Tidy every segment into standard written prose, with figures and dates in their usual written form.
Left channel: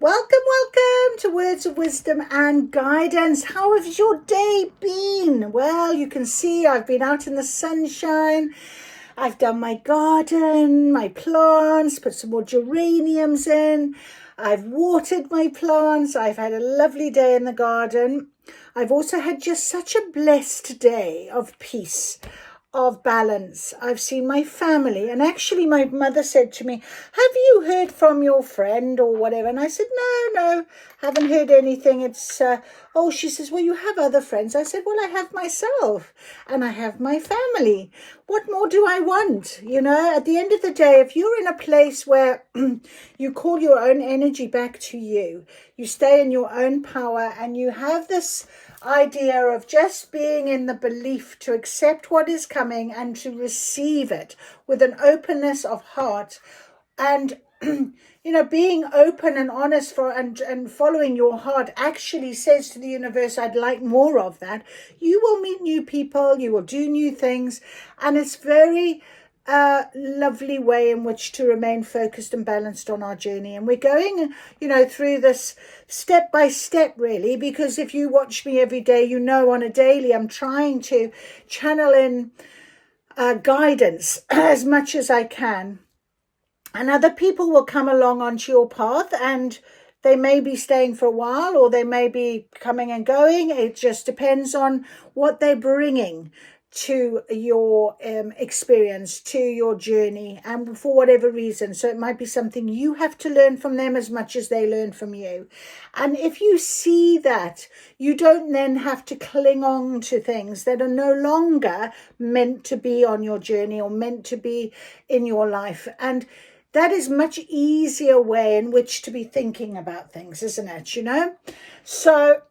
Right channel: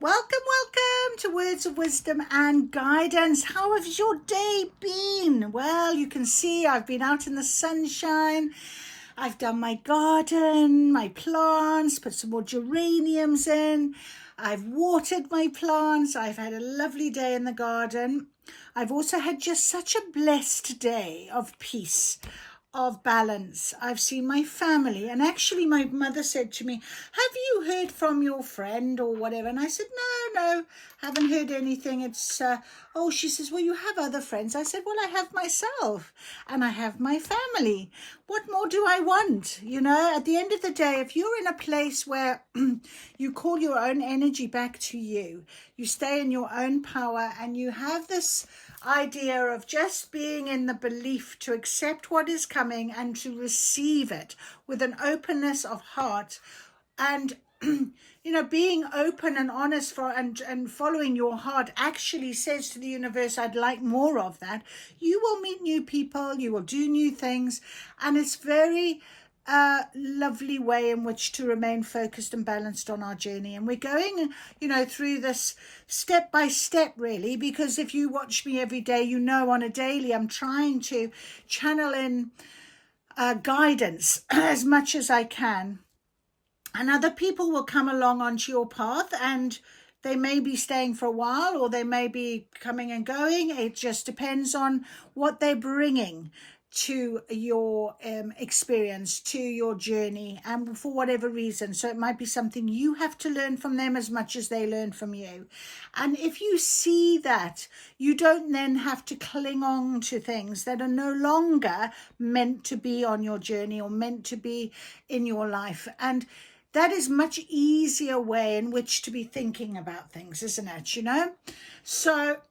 Welcome to Words of Wisdom and Guidance. How has your day been? Well, you can see I've been out in the sunshine. I've done my garden, my plants, put some more geraniums in. I've watered my plants. I've had a lovely day in the garden. I've also had just such a blessed day of peace, of balance. I've seen my family, and actually my mother said to me, have you heard from your friend or whatever? And I said, no, haven't heard anything. It's she says, well, you have other friends. I said, well, I have myself and I have my family. What more do I want? At the end of the day, if you're in a place where you call your own energy back to you, you stay in your own power, and you have this idea of just being in the belief to accept what is coming and to receive it with an openness of heart, and being open and honest and following your heart actually says to the universe, I'd like more of that. You will meet new people, you will do new things, and it's very lovely way in which to remain focused and balanced on our journey. And we're going through this step by step, really, because if you watch me every day, on a daily I'm trying to channel in guidance as much as I can, and other people will come along onto your path, and they may be staying for a while or they may be coming and going. It just depends on what they're bringing to your experience, to your journey, and for whatever reason. So it might be something you have to learn from them as much as they learn from you. And if you see that, you don't then have to cling on to things that are no longer meant to be on your journey or meant to be in your life. And that is much easier way in which to be thinking about things, isn't it? So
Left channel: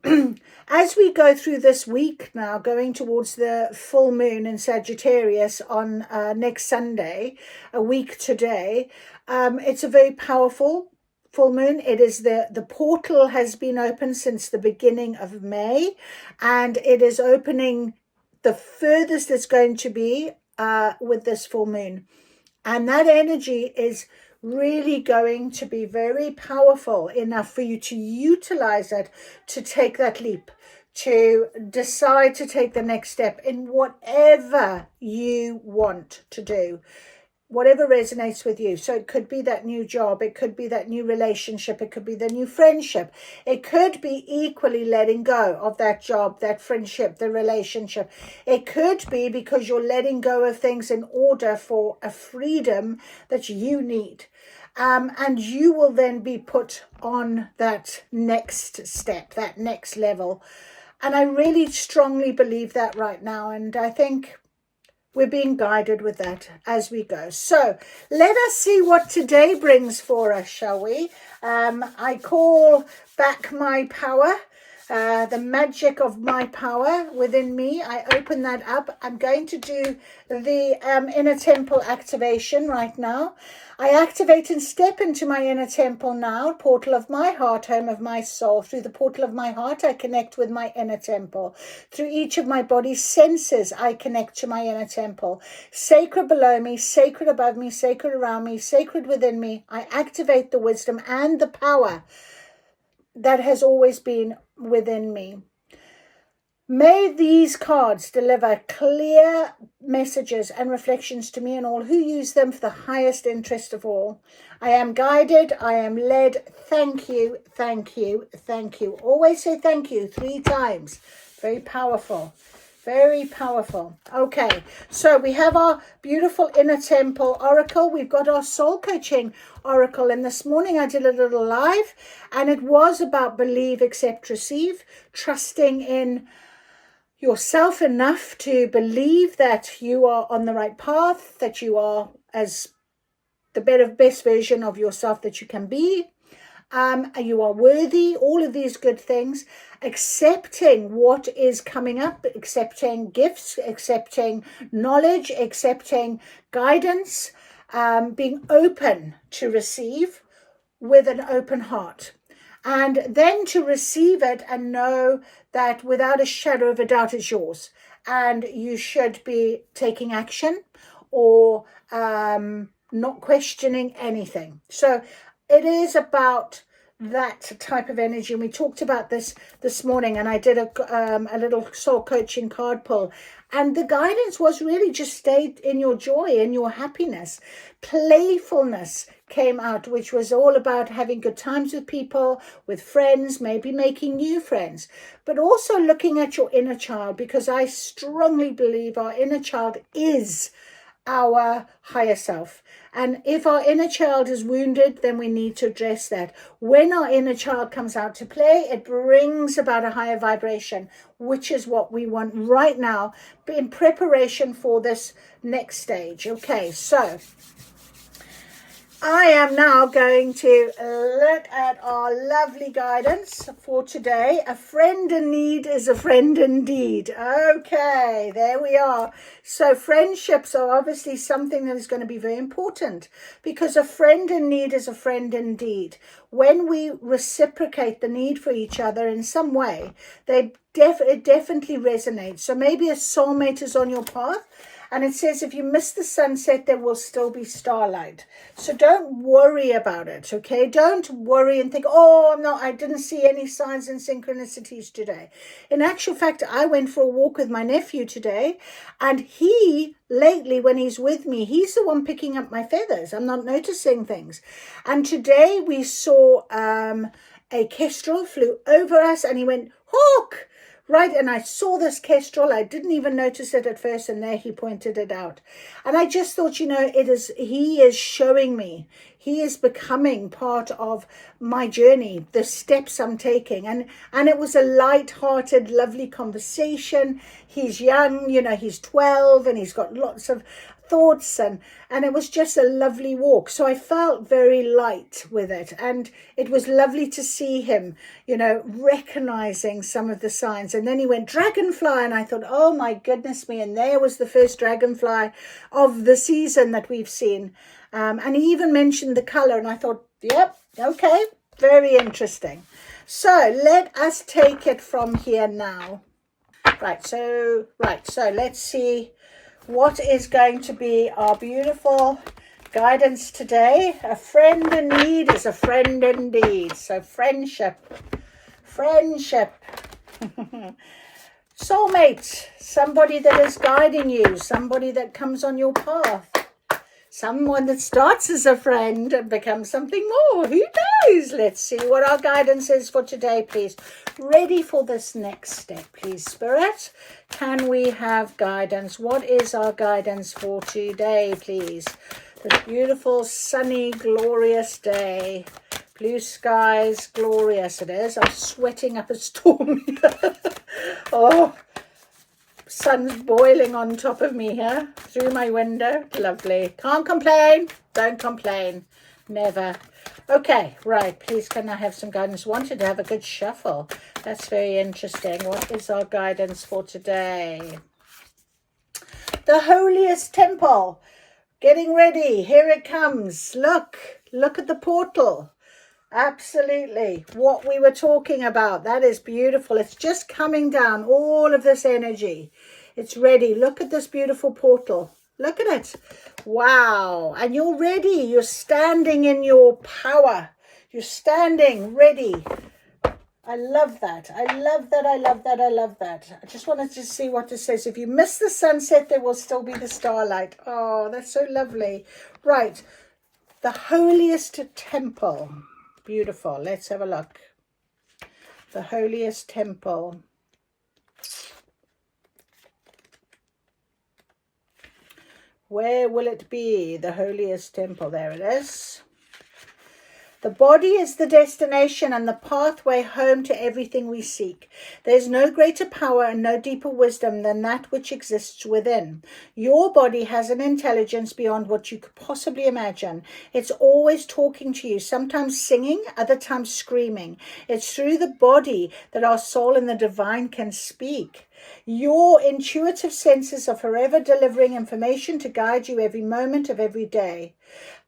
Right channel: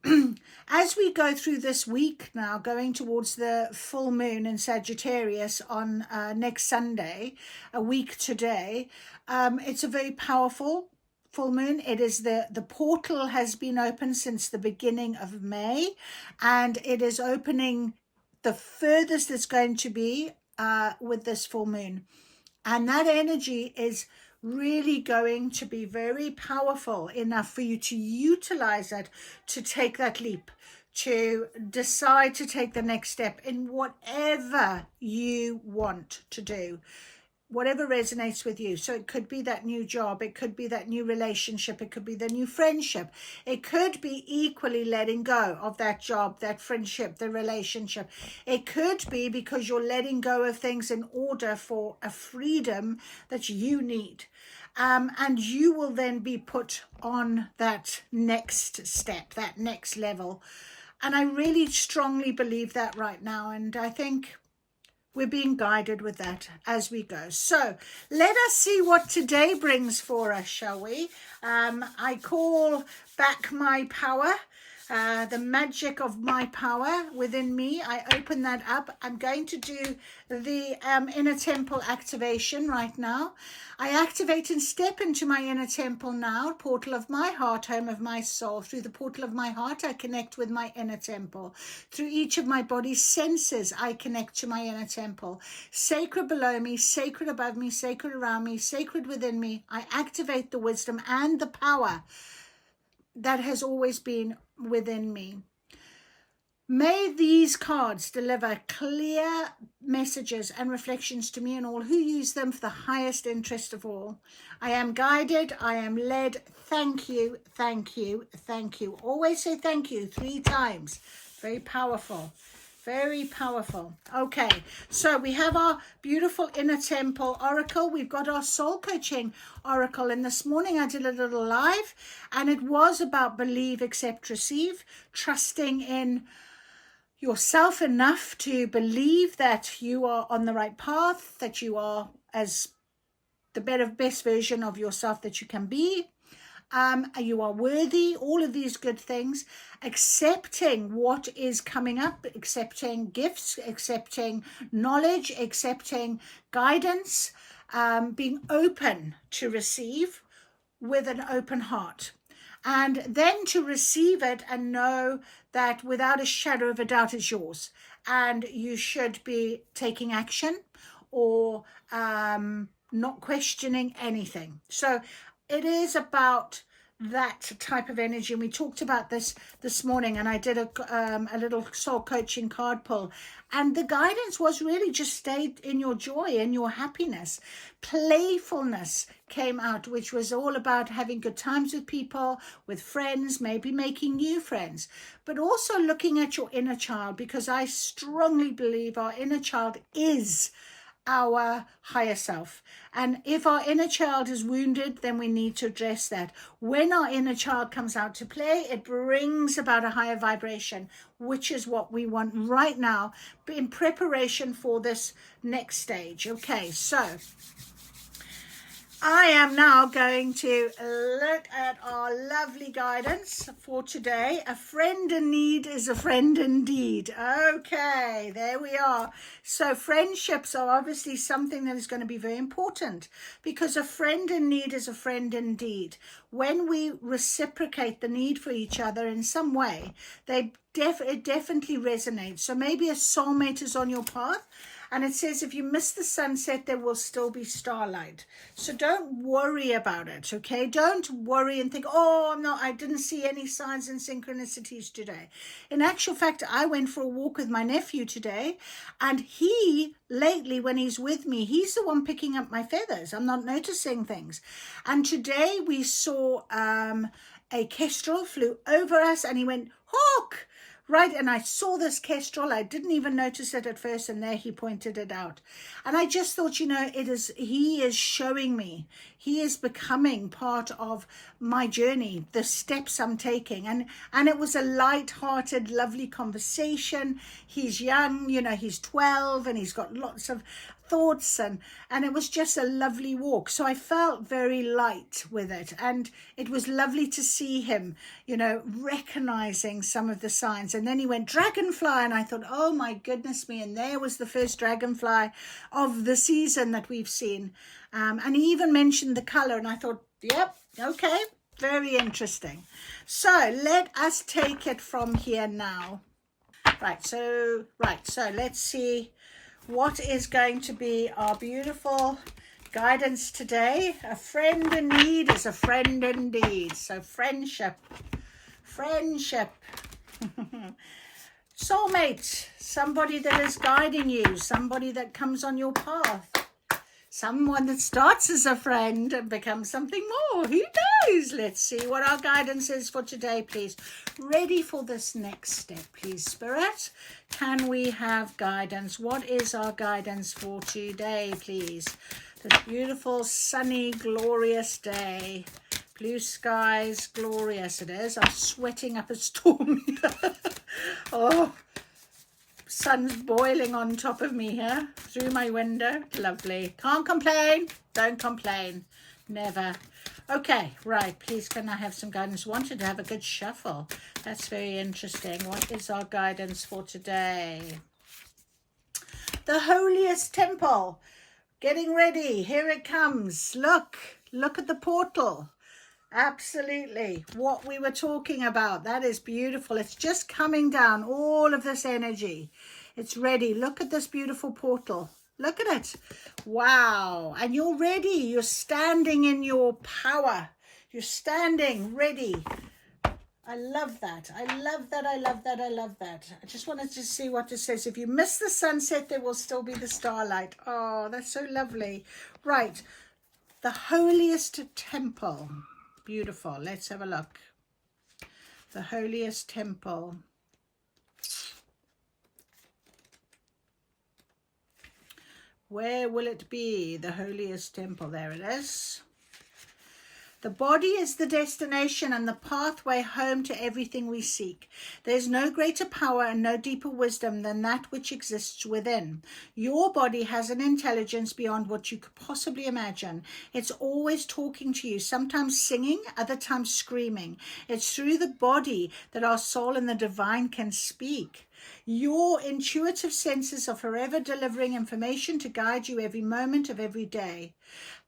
as we go through this week now, going towards the full moon in Sagittarius on next Sunday, a week today, it's a very powerful full moon. It is the portal has been open since the beginning of May, and it is opening the furthest it's going to be with this full moon. And that energy is really going to be very powerful enough for you to utilize it, to take that leap, to decide to take the next step in whatever you want to do, whatever resonates with you. So it could be that new job, it could be that new relationship, it could be the new friendship, it could be equally letting go of that job, that friendship, the relationship. It could be because you're letting go of things in order for a freedom that you need. And you will then be put on that next step, that next level. And I really strongly believe that right now. And I think we're being guided with that as we go. So let us see what today brings for us, shall we? I call back my power, the magic of my power within me. I open that up. I'm going to do the inner temple activation right now. I activate and step into my inner temple now, portal of my heart, home of my soul. Through the portal of my heart, I connect with my inner temple. Through each of my body's senses, I connect to my inner temple. Sacred below me, sacred above me, sacred around me, sacred within me. I activate the wisdom and the power that has always been within me. May these cards deliver clear messages and reflections to me and all who use them for the highest interest of all. I am guided, I am led. Thank you, thank you, thank you. Always say thank you 3 times. Very powerful. Very powerful. Okay, so we have our beautiful inner temple oracle. We've got our soul coaching oracle. And this morning I did a little live, and it was about believe, accept, receive, trusting in yourself enough to believe that you are on the right path, that you are as the best version of yourself that you can be. You are worthy, all of these good things, accepting what is coming up, accepting gifts, accepting knowledge, accepting guidance, being open to receive with an open heart. And then to receive it and know that without a shadow of a doubt it's yours. And you should be taking action or not questioning anything. So it is about that type of energy. And we talked about this morning, and I did a little soul coaching card pull, and the guidance was really just stay in your joy and your happiness. Playfulness came out, which was all about having good times with people, with friends, maybe making new friends, but also looking at your inner child, because I strongly believe our inner child is our higher self. And if our inner child is wounded, then we need to address that. When our inner child comes out to play, it brings about a higher vibration, which is what we want right now in preparation for this next stage. Okay, so I am now going to look at our lovely guidance for today. A friend in need is a friend indeed. Okay, there we are. So friendships are obviously something that is going to be very important, because a friend in need is a friend indeed. When we reciprocate the need for each other in some way, it definitely resonates. So maybe a soulmate is on your path, and it says, if you miss the sunset, there will still be starlight. So don't worry about it, okay? Don't worry and think, oh, I didn't see any signs and synchronicities today. In actual fact, I went for a walk with my nephew today, and he, lately, when he's with me, he's the one picking up my feathers. I'm not noticing things. And today we saw a kestrel flew over us, and he went, hawk! Right, and I saw this kestrel. I didn't even notice it at first, and there he pointed it out. And I just thought, he is showing me. He is becoming part of my journey, the steps I'm taking. And it was a light-hearted, lovely conversation. He's young, he's 12, and he's got lots of thoughts, and it was just a lovely walk. So I felt very light with it, and it was lovely to see him recognizing some of the signs. And then he went dragonfly, and I thought, oh my goodness me, and there was the first dragonfly of the season that we've seen. And he even mentioned the color, and I thought, yep, okay, very interesting. So let us take it from here now. Right, so let's see what is going to be our beautiful guidance today. A friend in need is a friend indeed. So friendship. Soulmate, somebody that is guiding you, somebody that comes on your path, someone that starts as a friend and becomes something more. Who knows? Let's see what our guidance is for today, please. Ready for this next step, please, Spirit. Can we have guidance? What is our guidance for today, please? This beautiful, sunny, glorious day. Blue skies, glorious it is. I'm sweating up a storm here. Oh, sun's boiling on top of me here through my window. Lovely. Can't complain. Don't complain. Never. Okay, right. Please, can I have some guidance? Wanted to have a good shuffle. That's very interesting. What is our guidance for today? The holiest temple. Getting ready. Here it comes. Look at the portal. Absolutely. What we were talking about. That is beautiful. It's just coming down. All of this energy. It's ready. Look at this beautiful portal. Look at it. Wow. And you're ready. You're standing in your power. You're standing ready. I love that. I love that. I love that. I love that. I just wanted to see what it says. If you miss the sunset, there will still be the starlight. Oh, that's so lovely. Right. The holiest temple. Beautiful. Let's have a look. The holiest temple. Where will it be? The holiest temple. There it is. The body is the destination and the pathway home to everything we seek. There is no greater power and no deeper wisdom than that which exists within. Your body has an intelligence beyond what you could possibly imagine. It's always talking to you, sometimes singing, other times screaming. It's through the body that our soul and the divine can speak. Your intuitive senses are forever delivering information to guide you every moment of every day.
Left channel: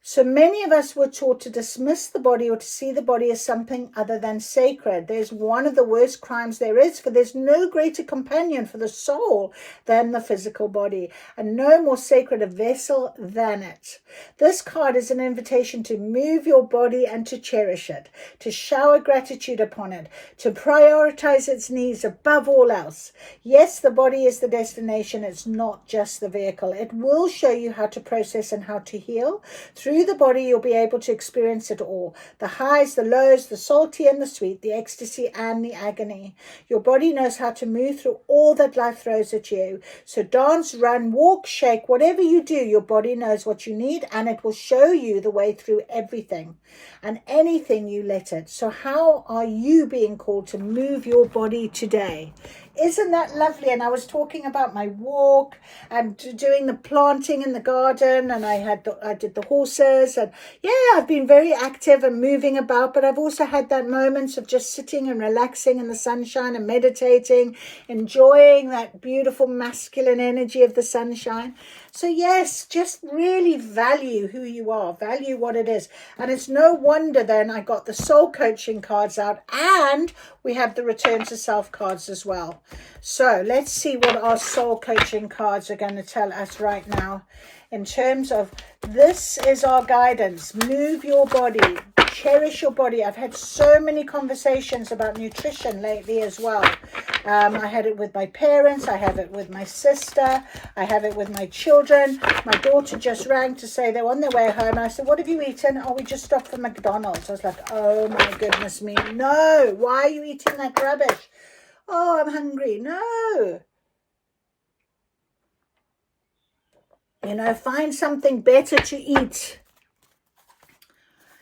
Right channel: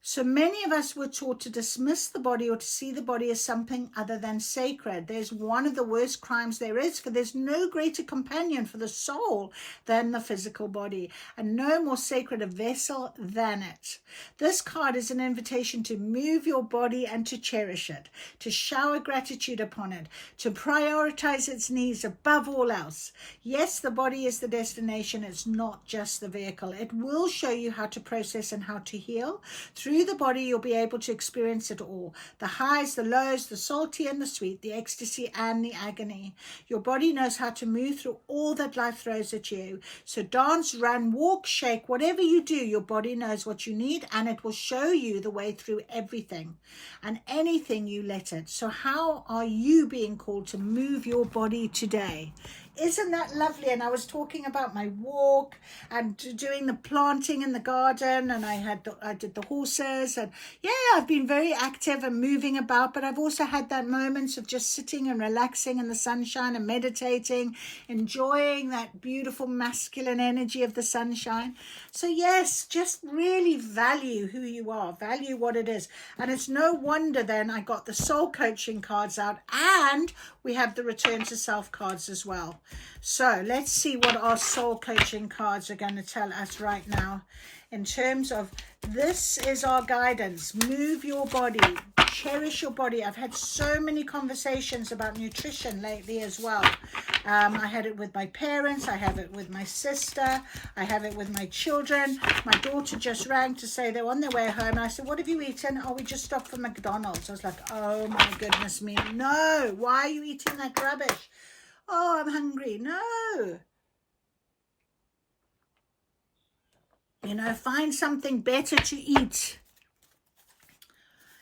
So many of us were taught to dismiss the body or to see the body as something other than sacred. There's one of the worst crimes there is, for there's no greater companion for the soul than the physical body, and no more sacred a vessel than it. This card is an invitation to move your body and to cherish it, to shower gratitude upon it, to prioritize its needs above all else. Yes, the body is the destination. It's not just the vehicle. It will show you how to process and how to heal. Through the body, you'll be able to experience it all. The highs, the lows, the salty and the sweet, the ecstasy and the agony. Your body knows how to move through all that life throws at you. So dance, run, walk, shake, whatever you do, your body knows what you need, and it will show you the way through everything and anything you let it. So how are you being called to move your body today? Isn't that lovely? And I was talking about my walk and doing the planting in the garden, and I did the horses, and yeah, I've been very active and moving about, but I've also had that moments of just sitting and relaxing in the sunshine and meditating, enjoying that beautiful masculine energy of the sunshine. So yes, just really value who you are, value what it is. And it's no wonder then I got the soul coaching cards out, and we have the return to self cards as well. So let's see what our soul coaching cards are going to tell us right now. In terms of, this is our guidance. Move your body, cherish your body. I've had so many conversations about nutrition lately as well. I had it with my parents, I have it with my sister, I have it with my children. My daughter just rang to say they're on their way home, and I said, what have you eaten? Oh, we just stopped for McDonald's. I was like, oh my goodness me, no, why are you eating that rubbish? Oh, I'm hungry. No. You know, find something better to eat.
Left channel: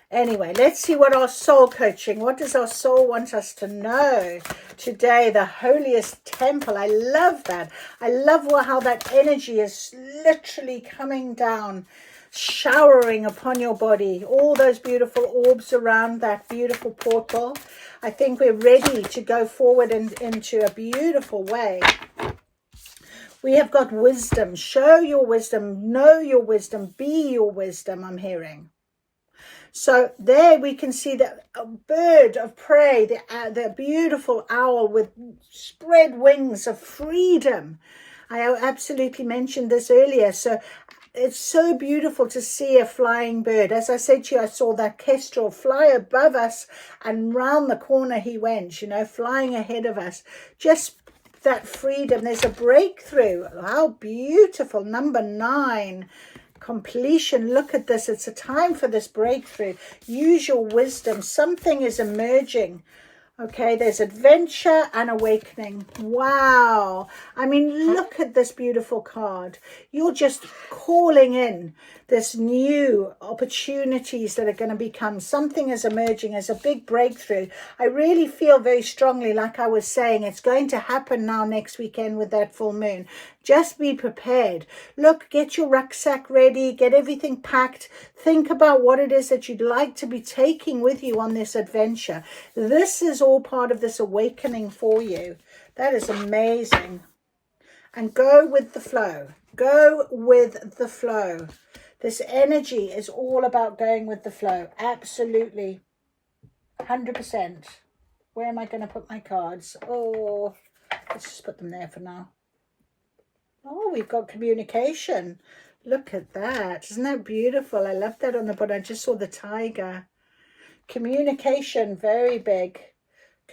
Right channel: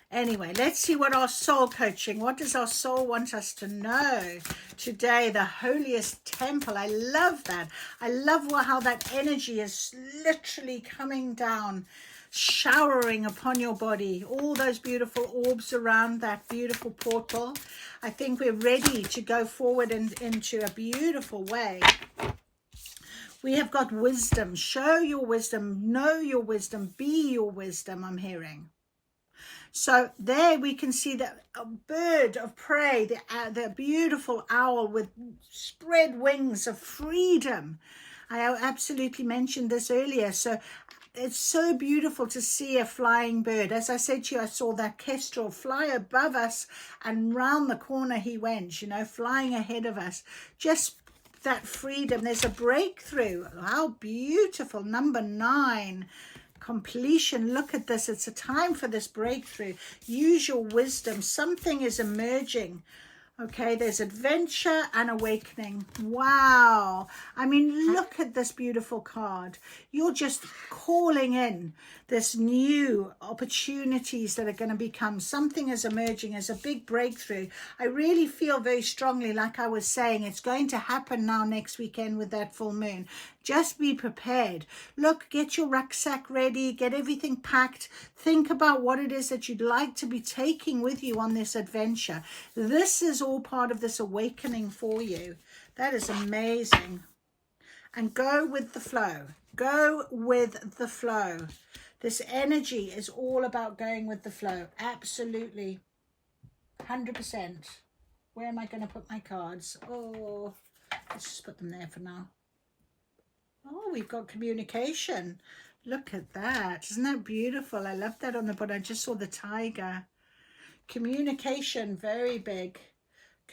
Anyway, let's see what our soul coaching, what does our soul want us to know today? The holiest temple. I love that. I love how that energy is literally coming down, showering upon your body. All those beautiful orbs around that beautiful portal. I think we're ready to go forward into a beautiful way. We have got wisdom. Show your wisdom. Know your wisdom. Be your wisdom, I'm hearing. So there we can see the bird of prey, the beautiful owl with spread wings of freedom. I absolutely mentioned this earlier. So it's so beautiful to see a flying bird. As I said to you, I saw that kestrel fly above us, and round the corner he went, you know, flying ahead of us. Just that freedom. There's a breakthrough. How beautiful. Number 9. Completion. Look at this. It's a time for this breakthrough. Use your wisdom. Something is emerging. Okay, there's adventure and awakening. Wow. I mean, look at this beautiful card. You're just calling in this new opportunities that are going to become. Something is emerging as a big breakthrough. I really feel very strongly, like I was saying, it's going to happen now next weekend with that full moon. Just be prepared. Look, get your rucksack ready, get everything packed. Think about what it is that you'd like to be taking with you on this adventure. This is all part of this awakening for you. That is amazing. And go with the flow. Go with the flow. This energy is all about going with the flow. Absolutely. 100%. Where am I going to put my cards? Oh, let's just put them there for now. Oh, we've got communication. Look at that. Isn't that beautiful? I love that on the bottom. I just saw the tiger. Communication, very big.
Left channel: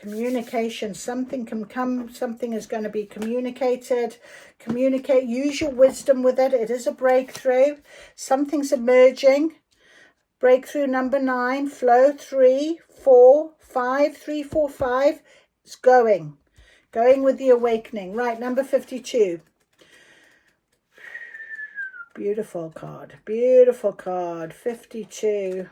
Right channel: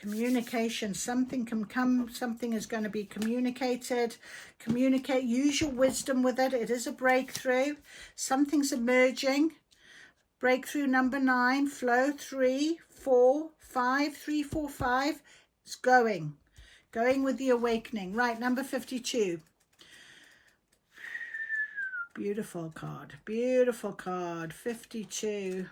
Communication. Something can come. Something is going to be communicated. Communicate. Use your wisdom with it. It is a breakthrough. Something's emerging. Breakthrough number 9. Flow 3, 4, 5. 3, 4, 5. It's going. Going with the awakening. Right, number 52. Beautiful card. Beautiful card. 52.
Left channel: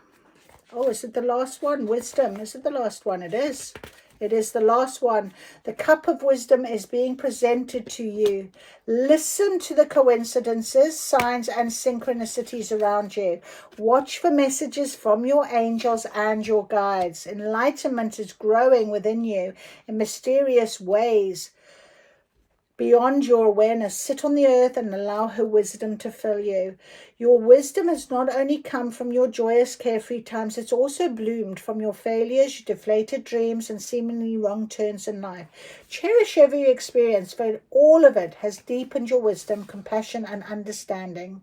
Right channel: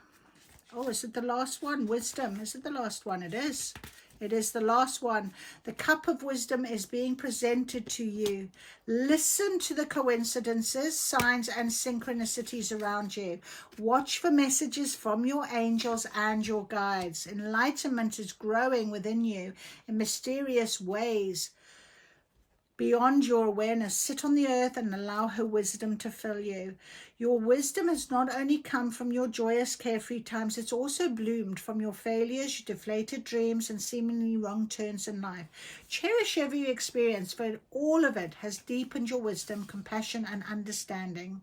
Oh, is it the last one? Wisdom. Is it the last one? It is. It is the last one. The cup of wisdom is being presented to you. Listen to the coincidences, signs, and synchronicities around you. Watch for messages from your angels and your guides. Enlightenment is growing within you in mysterious ways. beyond your awareness. Sit on the earth and allow her wisdom to fill you. Your wisdom has not only come from your joyous, carefree times, it's also bloomed from your failures, your deflated dreams, and seemingly wrong turns in life. Cherish every experience, for all of it has deepened your wisdom, compassion, and understanding.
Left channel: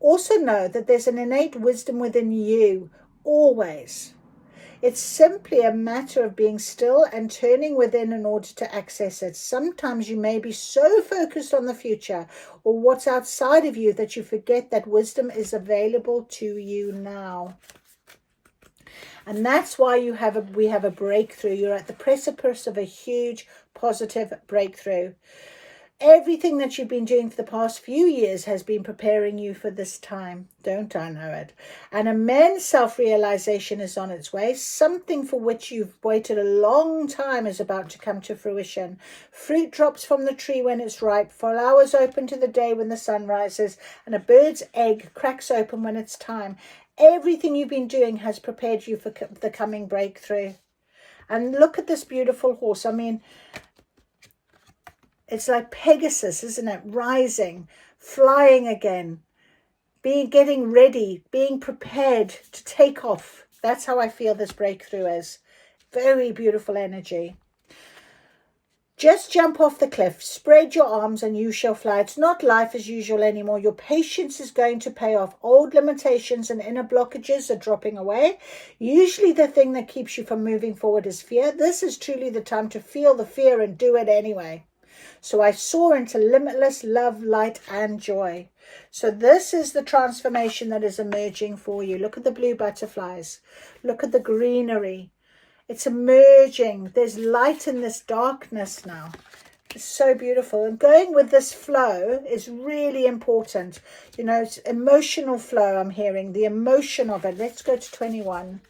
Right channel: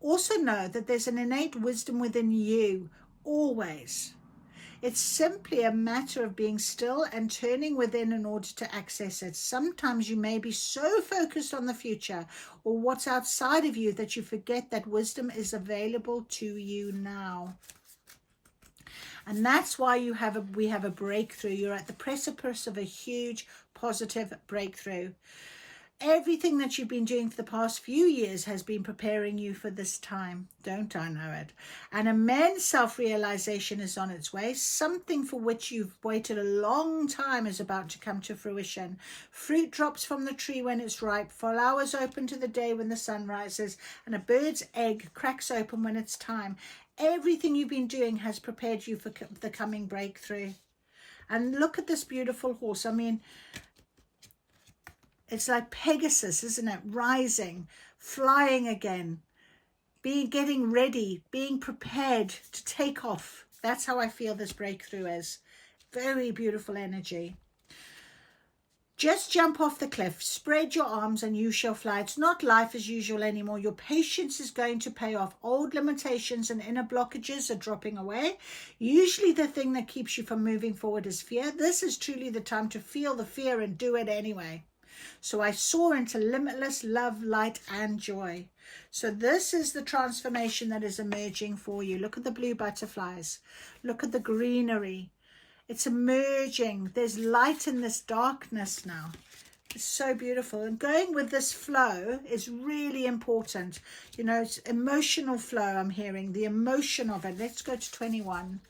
Also know that there's an innate wisdom within you, always. It's simply a matter of being still and turning within in order to access it. Sometimes you may be so focused on the future or what's outside of you that you forget that wisdom is available to you now. And that's why we have a breakthrough. You're at the precipice of a huge positive breakthrough. Everything that you've been doing for the past few years has been preparing you for this time. Don't I know it? An immense self-realization is on its way. Something for which you've waited a long time is about to come to fruition. Fruit drops from the tree when it's ripe, flowers open to the day when the sun rises, and a bird's egg cracks open when it's time. Everything you've been doing has prepared you for the coming breakthrough. And look at this beautiful horse. I mean, it's like Pegasus, isn't it? Rising, flying again, getting ready, being prepared to take off. That's how I feel this breakthrough is. Very beautiful energy. Just jump off the cliff, spread your arms and you shall fly. It's not life as usual anymore. Your patience is going to pay off. Old limitations and inner blockages are dropping away. Usually the thing that keeps you from moving forward is fear. This is truly the time to feel the fear and do it anyway. So I soar into limitless love, light, and joy. So this is the transformation that is emerging for you. Look at the blue butterflies. Look at the greenery. It's emerging. There's light in this darkness now. It's so beautiful. And going with this flow is really important. You know, it's emotional flow I'm hearing. The emotion of it. Let's go to 21.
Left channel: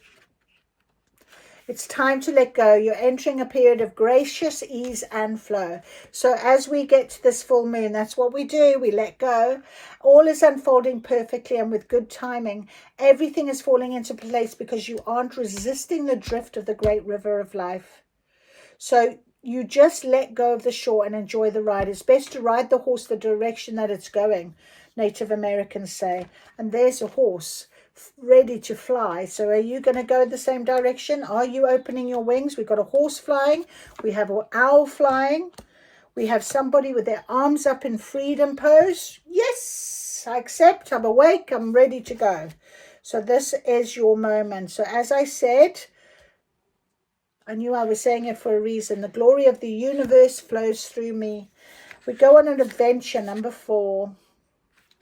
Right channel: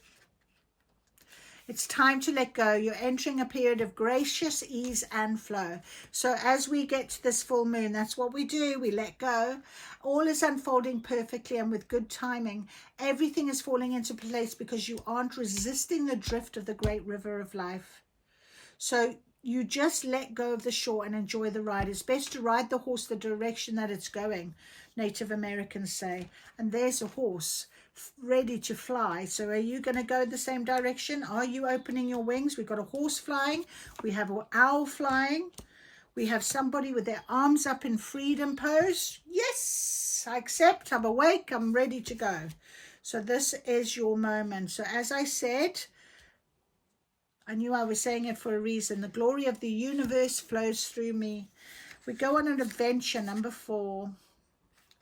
It's time to let go. You're entering a period of gracious ease and flow. So as we get to this full moon, that's what we do. We let go. All is unfolding perfectly and with good timing. Everything is falling into place because you aren't resisting the drift of the great river of life. So you just let go of the shore and enjoy the ride. It's best to ride the horse the direction that it's going, Native Americans say. And there's a horse ready to fly. So are you going to go the same direction? Are you opening your wings? We've got a horse flying. We have an owl flying. We have somebody with their arms up in freedom pose. Yes, I accept. I'm awake. I'm ready to go. So this is your moment. So as I said, I knew I was saying it for a reason. The glory of the universe flows through me. We go on an adventure, number 4.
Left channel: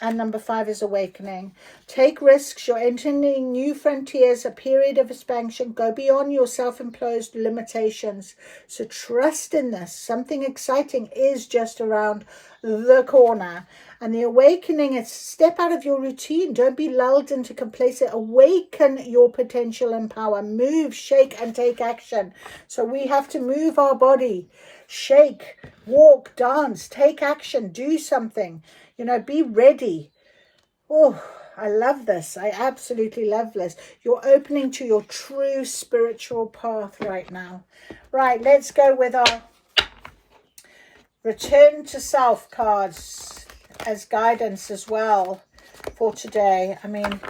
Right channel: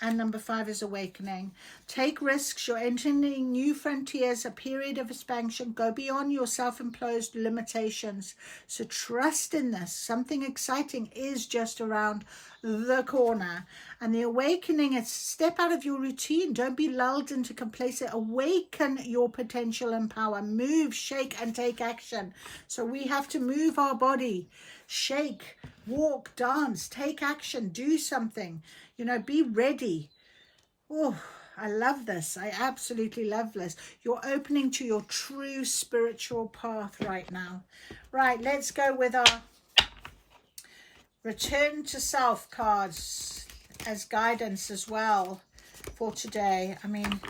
And number 5 is awakening. Take risks. You're entering new frontiers, a period of expansion. Go beyond your self-imposed limitations. So trust in this. Something exciting is just around the corner. And the awakening is step out of your routine. Don't be lulled into complacency. Awaken your potential and power. Move, shake, and take action. So we have to move our body. Shake, walk, dance, take action, do something. You know, be ready. Oh, I love this. I absolutely love this. You're opening to your true spiritual path right now. Right, let's go with our return to self cards as guidance as well for today. I mean,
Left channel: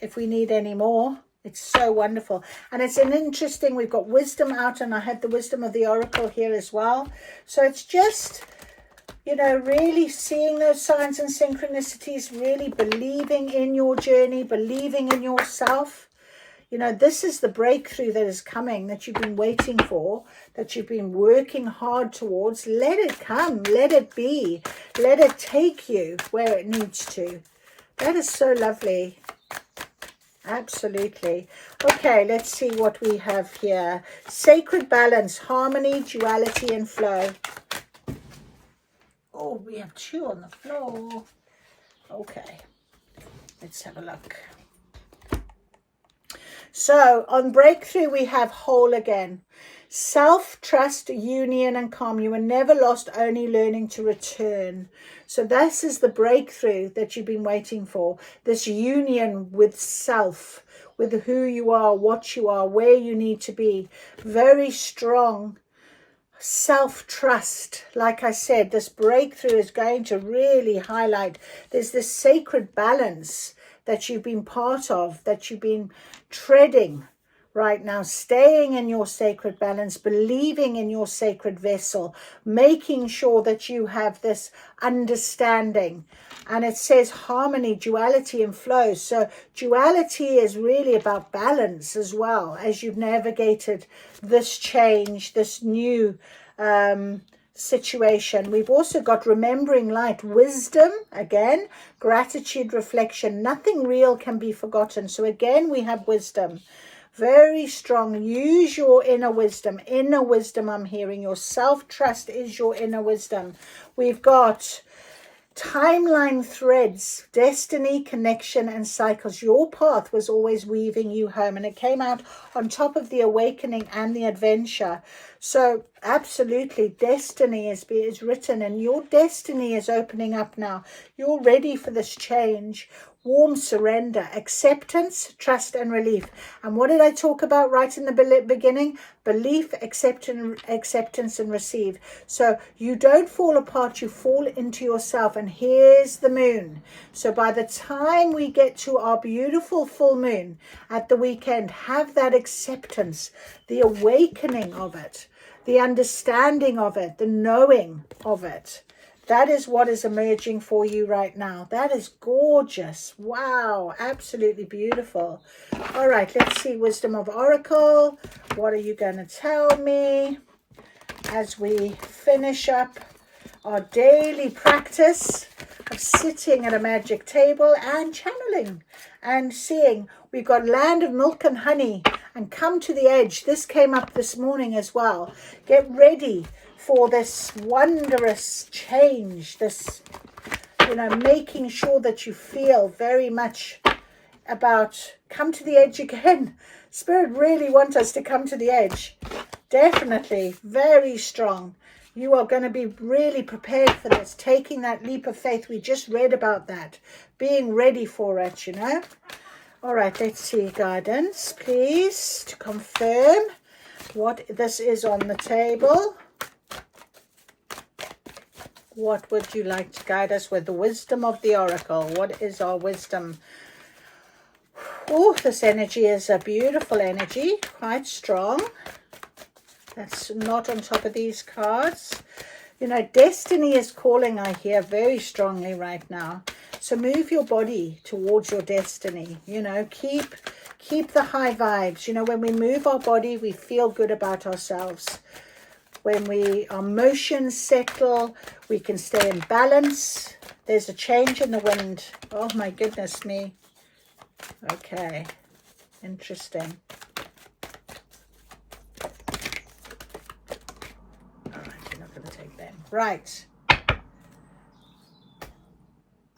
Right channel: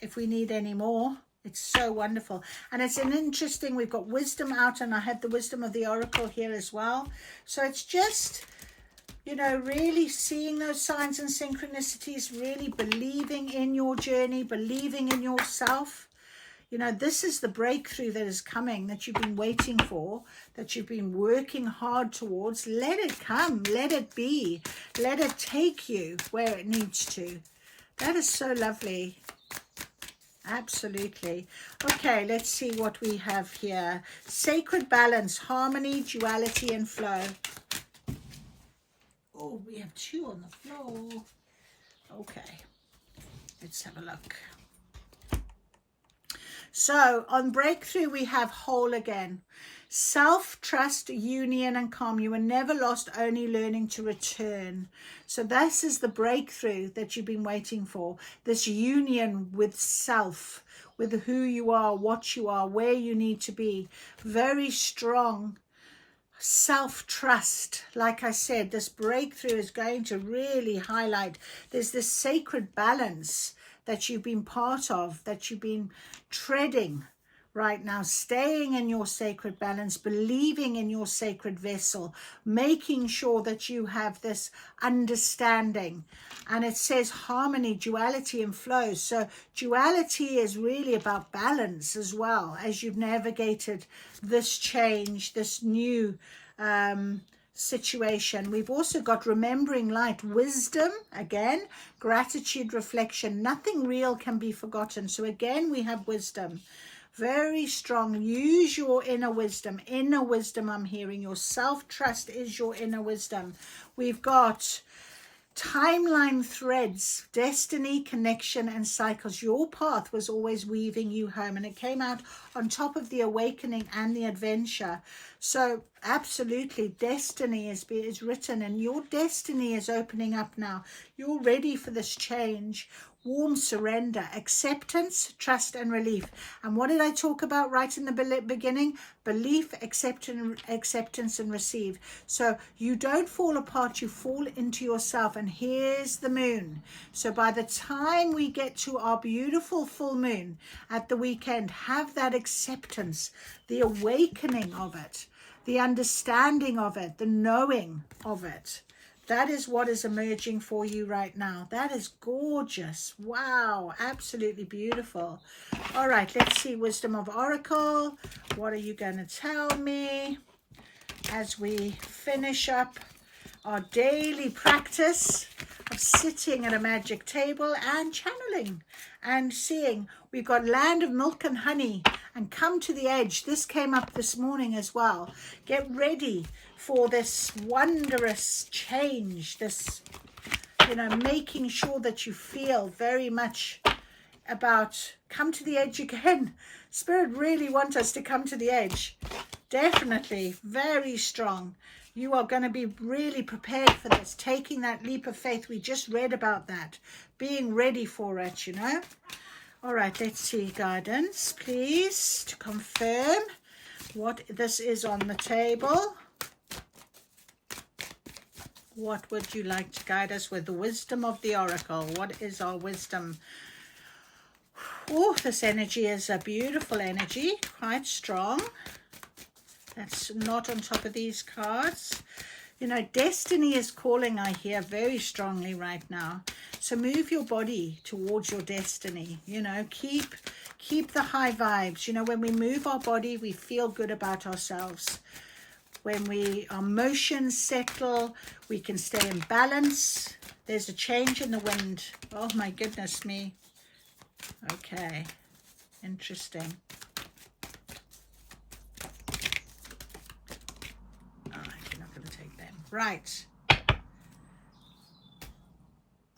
if we need any more, it's so wonderful. And it's an interesting, we've got wisdom out, and I had the wisdom of the oracle here as well. So it's just, you know, really seeing those signs and synchronicities, really believing in your journey, believing in yourself. You know, this is the breakthrough that is coming, that you've been waiting for, that you've been working hard towards. Let it come, let it be, let it take you where it needs to. That is so lovely. Absolutely. Okay, let's see what we have here. Sacred balance, harmony, duality, and flow. Oh, we have 2 on the floor. Okay, let's have a look. So on breakthrough, we have whole again. Self-trust, union, and calm. You were never lost, only learning to return. So this is the breakthrough that you've been waiting for. This union with self, with who you are, what you are, where you need to be. Very strong self-trust. Like I said, this breakthrough is going to really highlight there's this sacred balance that you've been part of, that you've been treading right now, staying in your sacred balance, believing in your sacred vessel, making sure that you have this understanding. And it says harmony, duality, and flow. So duality is really about balance as well, as you've navigated this change, this new situation. We've also got remembering light, wisdom, again, gratitude, reflection. Nothing real can be forgotten. So again, we have wisdom. Very strong. Use your inner wisdom. Inner wisdom, I'm hearing. Your self-trust is your inner wisdom. We've got timeline threads, destiny, connection, and cycles. Your path was always weaving you home, and it came out on top of the awakening and the adventure. So absolutely, destiny is written, and your destiny is opening up now. You're ready for this change. Warm surrender, acceptance, trust, and relief. And what did I talk about right in the beginning? Belief, acceptance, and receive. So you don't fall apart, you fall into yourself. And here's the moon. So by the time we get to our beautiful full moon at the weekend, have that acceptance, the awakening of it, the understanding of it, the knowing of it. That is what is emerging for you right now. That is gorgeous. Wow, absolutely beautiful. All right, let's see, Wisdom of Oracle. What are you going to tell me as we finish up our daily practice of sitting at a magic table and channeling and seeing? We've got land of milk and honey and come to the edge. This came up this morning as well. Get ready for this wondrous change, this, making sure that you feel very much about come to the edge again. Spirit really wants us to come to the edge. Definitely, very strong. You are going to be really prepared for this, taking that leap of faith. We just read about that, being ready for it, All right, let's see, guidance, please, to confirm what this is on the table. What would you like to guide us with? The wisdom of the oracle. What is our wisdom? Oh, this energy is a beautiful energy, quite strong. That's not on top of these cards. Destiny is calling, I hear, very strongly right now. So move your body towards your destiny. Keep the high vibes. When we move our body, we feel good about ourselves. When our emotions settle, we can stay in balance. There's a change in the wind. Oh my goodness me. Okay, interesting. All right, you're not going to take them. Right.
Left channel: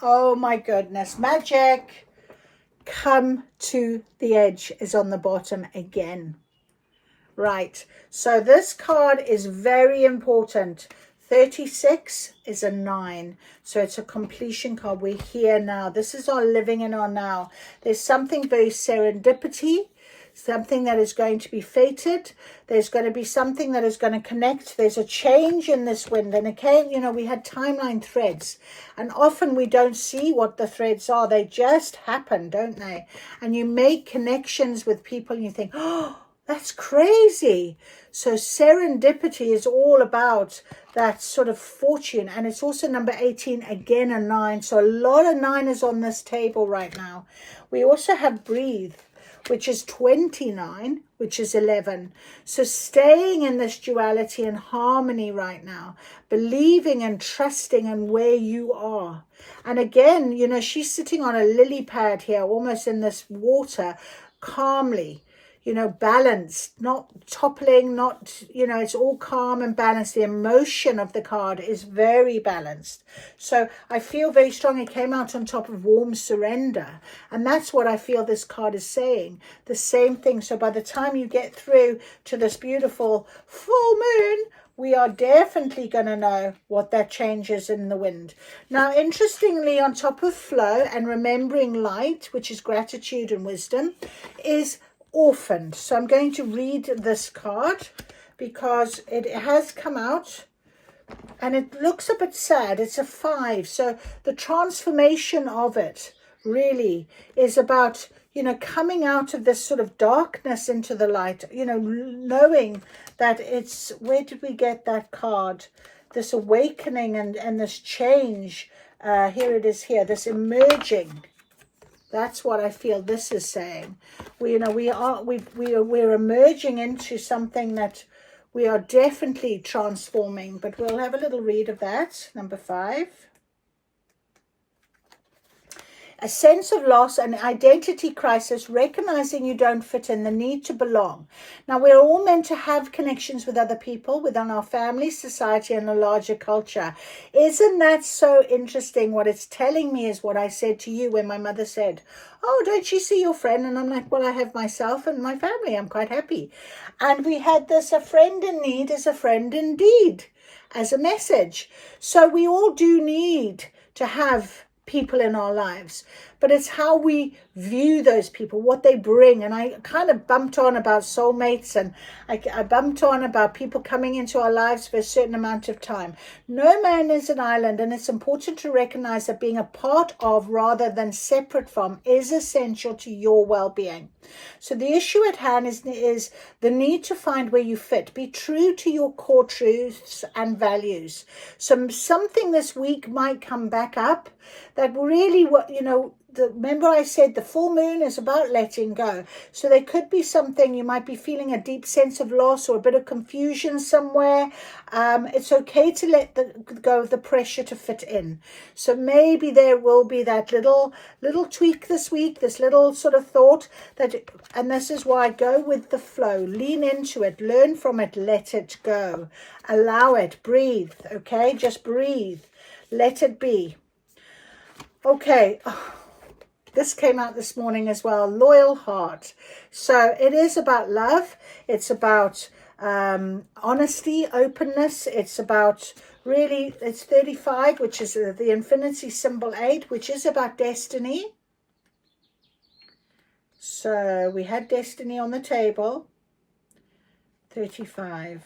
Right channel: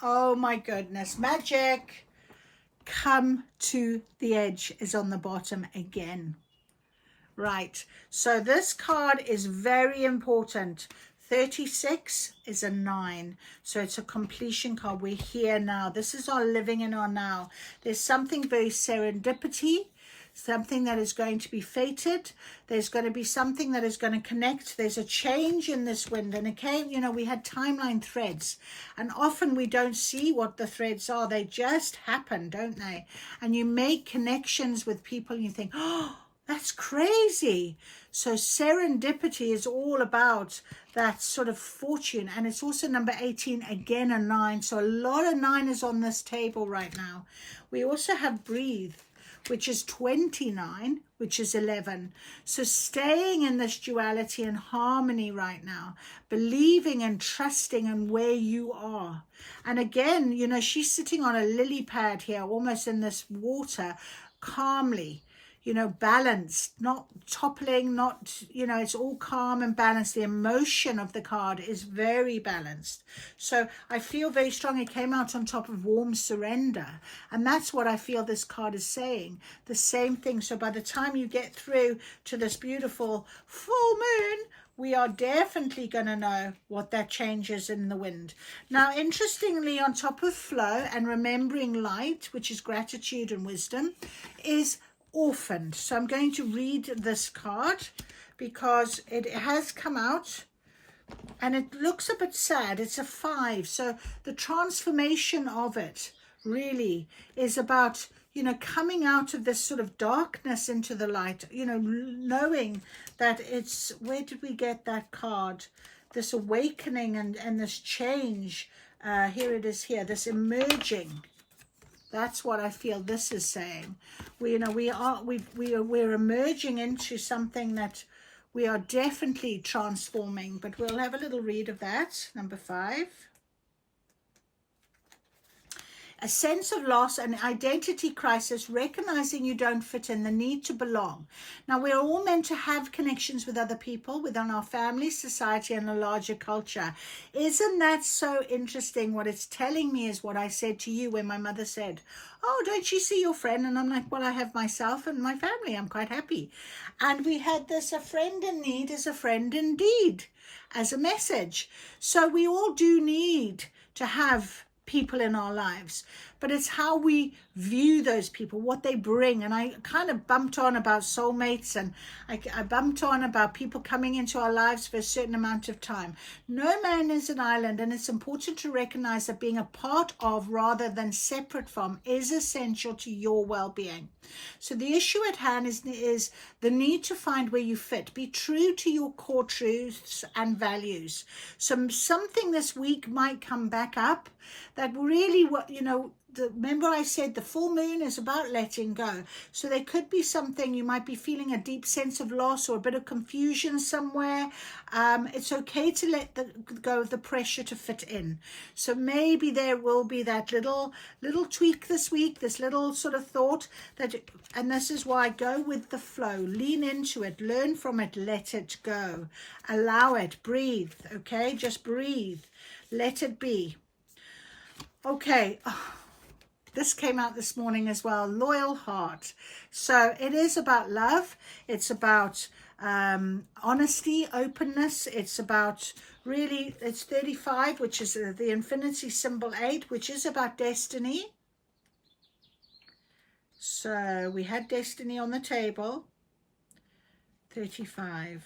Oh my goodness, magic. Come to the edge is on the bottom again. Right, so this card is very important. 36 is a 9, so it's a completion card. We're here now. This is our living in our now. There's something very serendipity, something that is going to be fated. There's going to be something that is going to connect. There's a change in this wind, and it came, we had timeline threads, and often we don't see what the threads are. They just happen, don't they? And you make connections with people and you think, oh, that's crazy. So serendipity is all about that sort of fortune. And it's also number 18, again a 9. So a lot of 9 is on this table right now. We also have breathe, which is 29, which is 11. So staying in this duality and harmony right now, believing and trusting in where you are. And again, she's sitting on a lily pad here, almost in this water, calmly. Balanced, not toppling, not, it's all calm and balanced. The emotion of the card is very balanced. So I feel very strong. It came out on top of warm surrender. And that's what I feel this card is saying. The same thing. So by the time you get through to this beautiful full moon, we are definitely going to know what that change is in the wind. Now, interestingly, on top of flow and remembering light, which is gratitude and wisdom, is orphaned. So I'm going to read this card because it has come out and it looks a bit sad. It's a 5. So the transformation of it really is about, you know, coming out of this sort of darkness into the light, you know, knowing that it's, where did we get that card? This awakening and this change. Here it is here, this emerging. That's what I feel this is saying. We're emerging into something that we are definitely transforming, but we'll have a little read of that. Number 5. A sense of loss, an identity crisis, recognizing you don't fit in, the need to belong. Now, we're all meant to have connections with other people, within our family, society, and a larger culture. Isn't that so interesting? What it's telling me is what I said to you when my mother said, oh, don't you see your friend? And I'm like, well, I have myself and my family. I'm quite happy. And we had this, a friend in need is a friend indeed, as a message. So we all do need to have people in our lives, but it's how we view those people, what they bring. And I kind of bumped on about soulmates, and I bumped on about people coming into our lives for a certain amount of time. No man is an island, and it's important to recognize that being a part of rather than separate from is essential to your well-being. So the issue at hand is the need to find where you fit. Be true to your core truths and values. So something this week might come back up that really, you know, remember I said the full moon is about letting go. So there could be something, you might be feeling a deep sense of loss or a bit of confusion somewhere. It's okay to let go of the pressure to fit in. So maybe there will be that little tweak this week, this little sort of thought that, and this is why, go with the flow, lean into it, learn from it, let it go, allow it, breathe. Okay, just breathe, let it be. Okay. This came out this morning as well, loyal heart. So it is about love. It's about honesty, openness. It's about really, it's 35, which is the infinity symbol 8, which is about destiny. So we had destiny on the table. 35.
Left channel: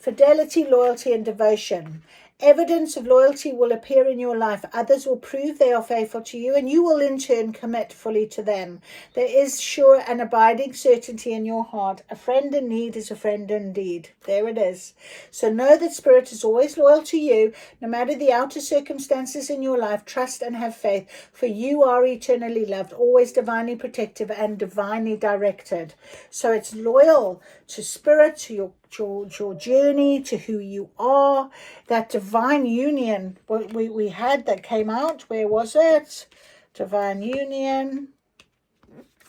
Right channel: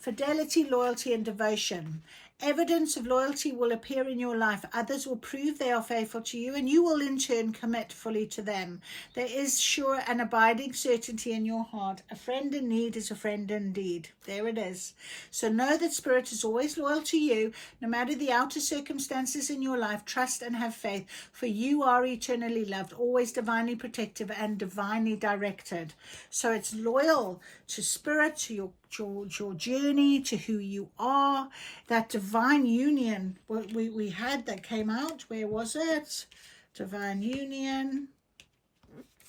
Fidelity, loyalty, and devotion. Evidence of loyalty will appear in your life. Others will prove they are faithful to you, and you will in turn commit fully to them. There is sure and abiding certainty in your heart. A friend in need is a friend indeed. There it is. So know that Spirit is always loyal to you, no matter the outer circumstances in your life. Trust and have faith, for you are eternally loved, always divinely protective and divinely directed. So it's loyal to Spirit, to your journey, to who you are, that divine union. We had that came out. Where was it? Divine union,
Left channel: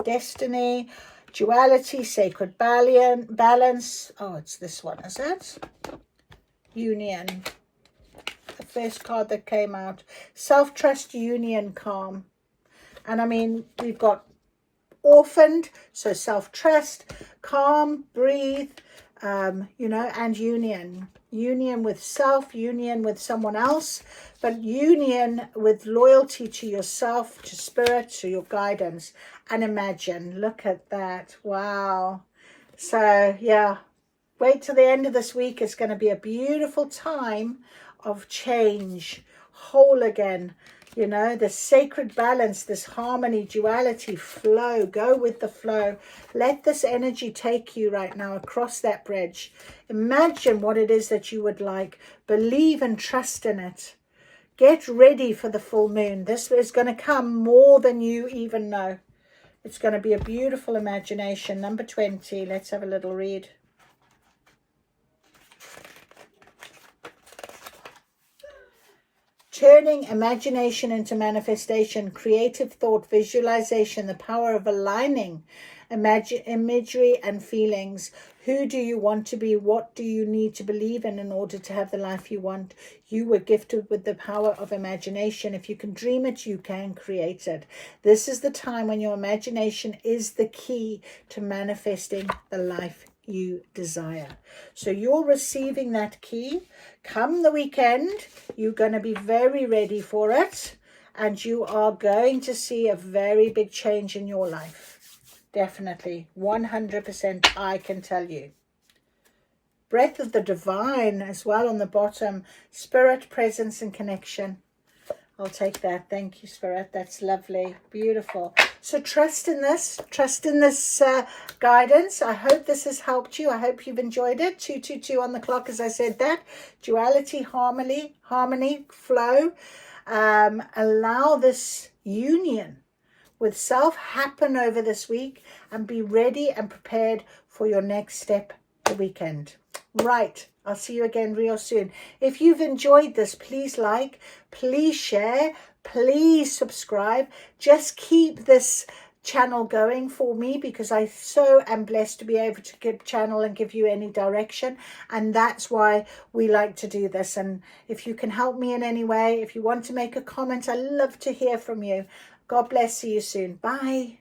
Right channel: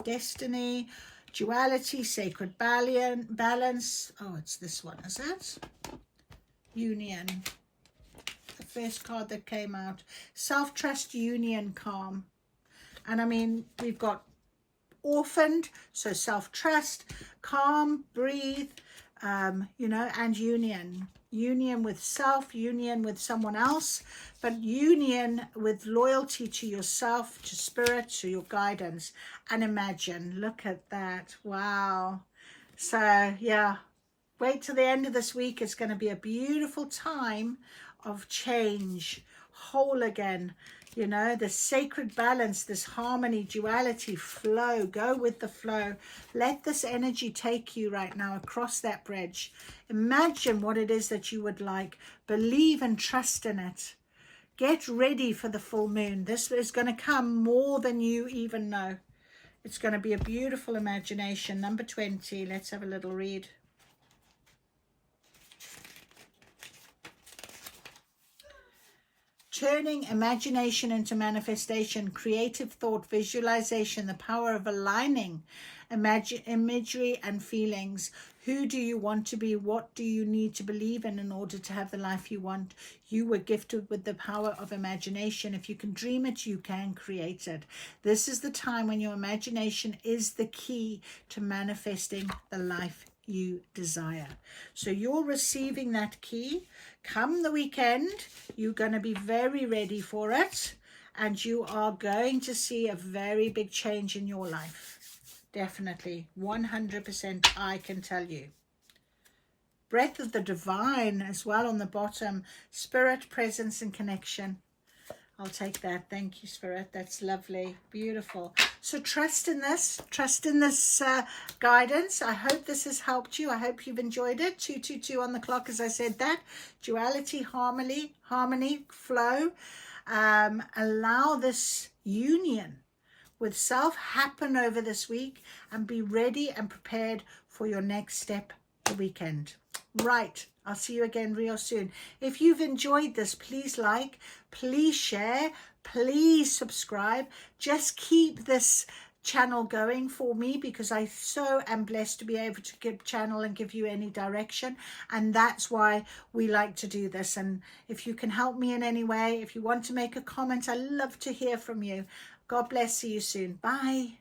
destiny, duality, sacred balance. Oh, it's this one, is it? Union. The first card that came out. Self-trust, union, calm. And I mean, we've got orphaned, so self-trust, calm, breathe, you know, and union with self, union with someone else, but union with loyalty to yourself, to Spirit, to your guidance. And imagine, look at that. Wow. So yeah, wait till the end of this week. It's going to be a beautiful time of change, whole again. You know, the sacred balance, this harmony, duality, flow. Go with the flow. Let this energy take you right now across that bridge. Imagine what it is that you would like. Believe and trust in it. Get ready for the full moon. This is going to come more than you even know. It's going to be a beautiful imagination. Number 20. Let's have a little read. Turning imagination into manifestation, creative thought, visualization, the power of aligning imagery and feelings. Who do you want to be? What do you need to believe in order to have the life you want? You were gifted with the power of imagination. If you can dream it, you can create it. This is the time when your imagination is the key to manifesting the life you desire. So you're receiving that key. Come the weekend, you're going to be very ready for it. and you are going to see a very big change in your life. Definitely, 100%, I can tell you. Breath of the divine as well on the bottom. Spirit, presence, and connection. I'll take that. Thank you, Spirit. That's lovely. Beautiful. So trust in this. Trust in this guidance. I hope this has helped you. I hope you've enjoyed it. 222 on the clock, as I said that. Duality, harmony, flow. Allow this union with self happen over this week, and be ready and prepared for your next step the weekend. Right, I'll see you again real soon. If you've enjoyed this, please like, please share, please subscribe. Just keep this channel going for me, because I so am blessed to be able to give channel and give you any direction, and that's why we like to do this. And if you can help me in any way, if you want to make a comment, I love to hear from you. God bless. See you soon. Bye.